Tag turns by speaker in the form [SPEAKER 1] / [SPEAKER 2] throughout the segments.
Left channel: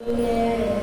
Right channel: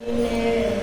[SPEAKER 1] Yeah.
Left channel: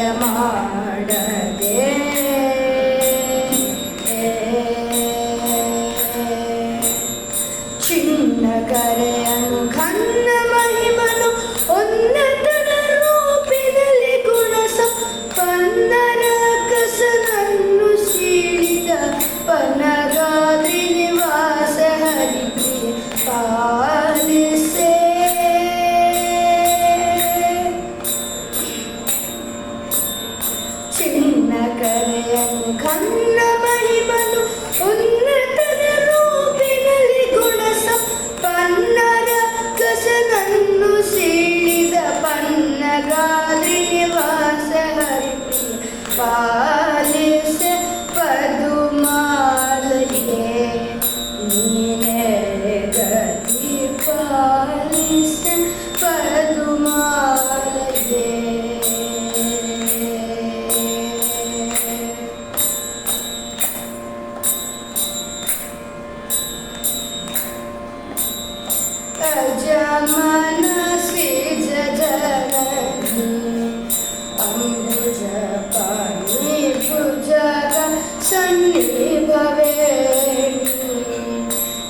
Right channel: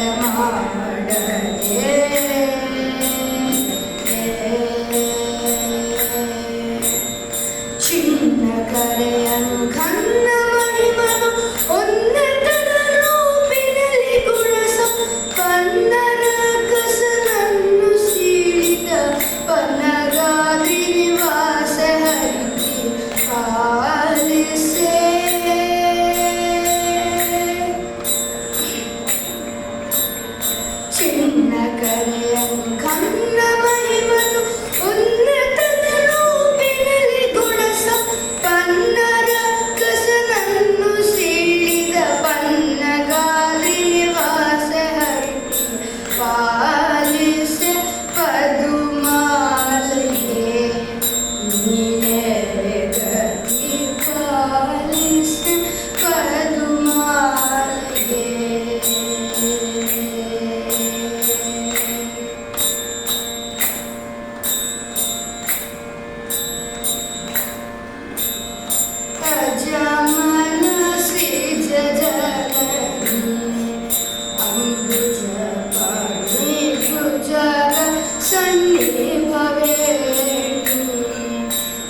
[SPEAKER 1] நடமாட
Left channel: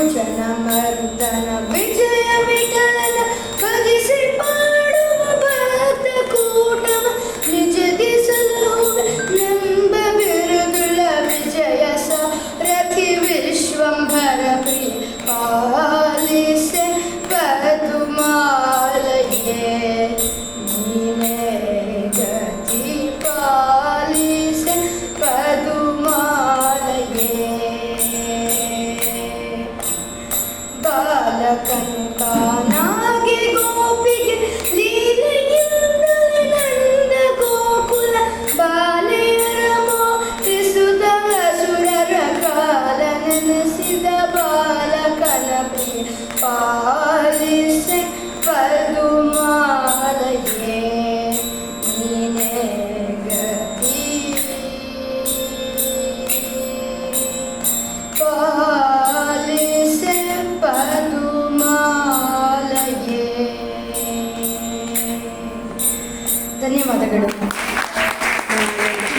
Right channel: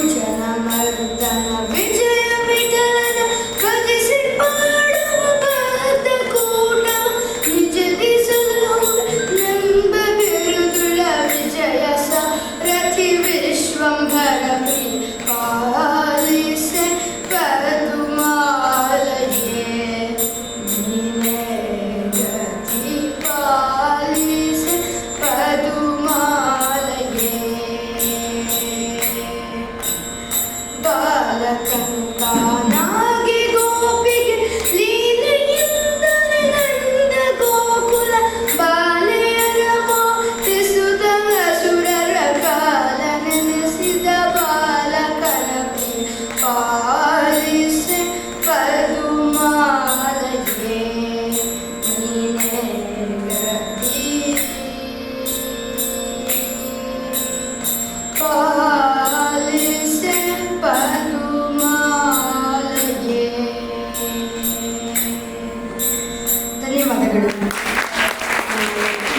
[SPEAKER 1] Ujjana Marutana Vijay